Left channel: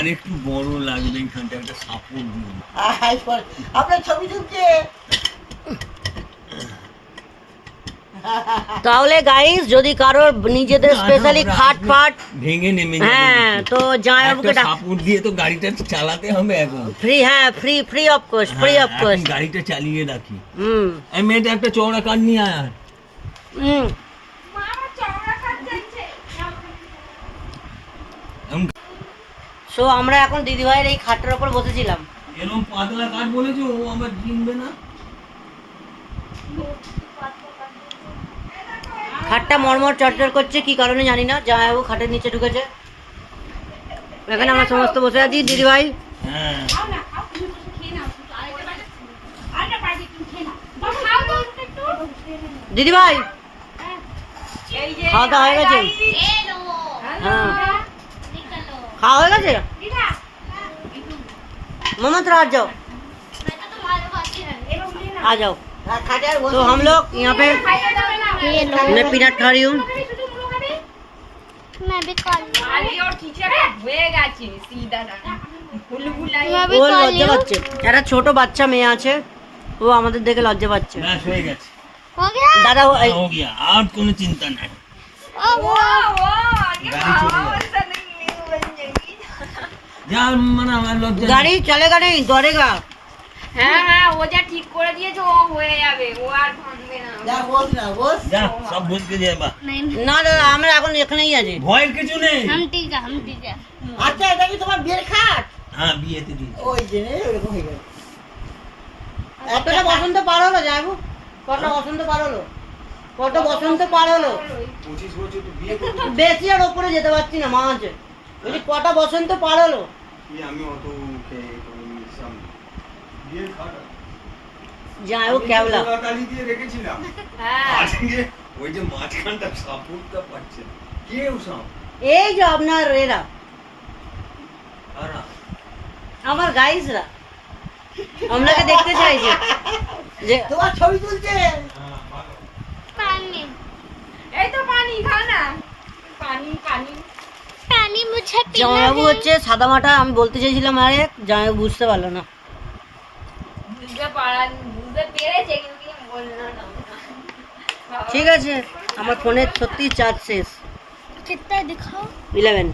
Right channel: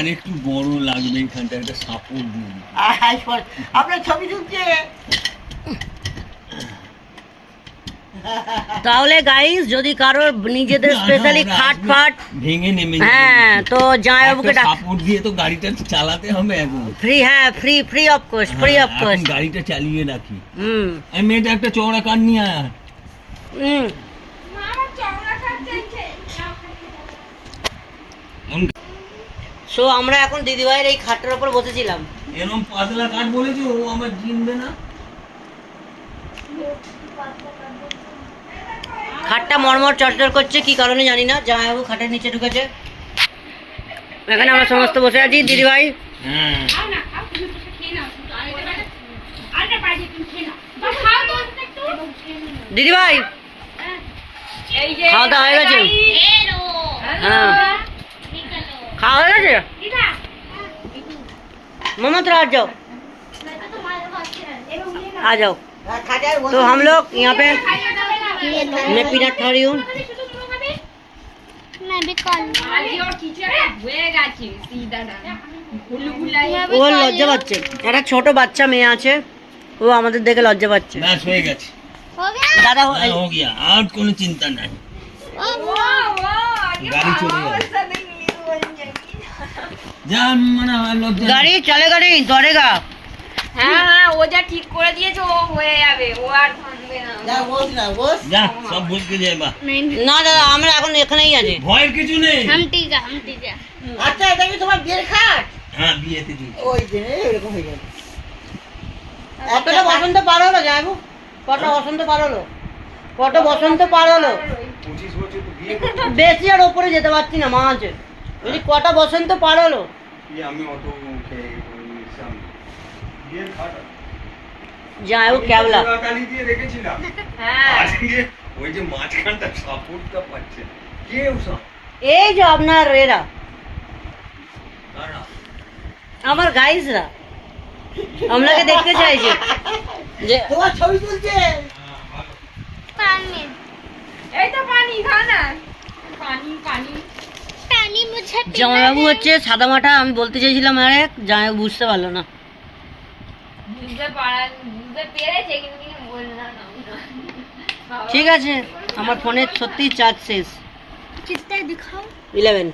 আর একটু বড় লাগবে এইখানটা একটা সাপোর্ট দিন। আপনার ছবি তুলছে। তাহলে গাইস যদি কারোর নিজেদের স্পেশালি খাট ফাট ভেঙে নেমে হ্যাঁ তো জামাইবাবুকে সাপোর্ট দিয়ে তো গাড়িটা চালাতে হবে এখন। ফ্রি, হ্যাঁ free, free of cost, free of cost. গাড়িটা চালিয়ে রাখি। এই মেয়েটা একটা চওড়া কাঠ নিয়ে আয়। সো আমরা এখন দিদিভাইয়ের এই খাটটার উপর বসেছিলাম। এরকম পাতলা কাঠ বলেছে ও আমার জিনবে না। খাটটা মরমর চটচট করছে, কি কারণে জানি না। জামাইবাবু খাটের নিচে ঢুকেছে, এখানে আমরা সমস্ত বসে আছি। দিদিভাই হ্যাঁ দিদিভাই খাওয়া দাওয়া হয়ে গেছে? হ্যাঁ খাওয়া হয়ে গেছে। मामा तो आ जाओ, आ जाओ। तो हम लोग यहाँ पे मैं पीनट खा रही हूँ। ও লজ্জা পাচ্ছে, একটা ছোট বাচ্চা মেয়ে আছে, ও আমাদের দেখে লজ্জা পাচ্ছে। ব্যাস হয়ে গেছে দাদা हो गया, আর কোনো চিন্তা নাই। গাড়ি চলে যাবে। যা মানে লজ্জা গাড়ি চলেগা নেই, দৌড়েগা। হ্যাঁ হ্যাঁ ও যা ঠিক করে দিয়েছে ও হয়ে যাবে, ও আর ভাঙবে না। যা বস না বস। যা সব ভুল কে যাবা। না দাদা আমরা এখন এখানেই আছি। ভয়ের কিছু নেই। हम ठीक है। আচ্ছা এটা কি তোমার বিয়ের খাট? হ্যাঁ বিয়েতে দিই। ওই যে এরকম হয়ে গেল। কতটা বসন্ত পার হলো জানবো, কত বসন্ত পার হলো, কত বসন্ত পার হলো। 25 বছর তো বিয়ে করতে বেশি আর ওপরে যেতে পারছি না মা আছে। যদি কটা বসন্ত পার হলো। কি আমি অত খেয়ে করে নিয়েছিলাম বিয়ের খাটা যাই ও কেবলা গালি দিয়ে রেখেছিলাম। হ্যাঁ আজকে ওই যে মাঝখানটা সাপোর্টটা পাচ্ছে না। কে ওসব? এই যে আপনার এরা কারা? আমার গাইজরা আপনাকে দেখতে চাইছে যে তোমার ছবি তুলছে। पानी, এই তো পানি খাও না। পানি পানি পানি মুঝে জামাইবাবু হচ্ছে সাদা মাটা। আমি বলতে চাইছিলাম আরেক, জামাইবাবু বুঝতে পারলো না। বুঝতে পেরেছে কিন্তু বললাম না। ঠিক আছে, আমার ফোনের সত্যি চার্জ শেষ। कितना दिखाओ 11।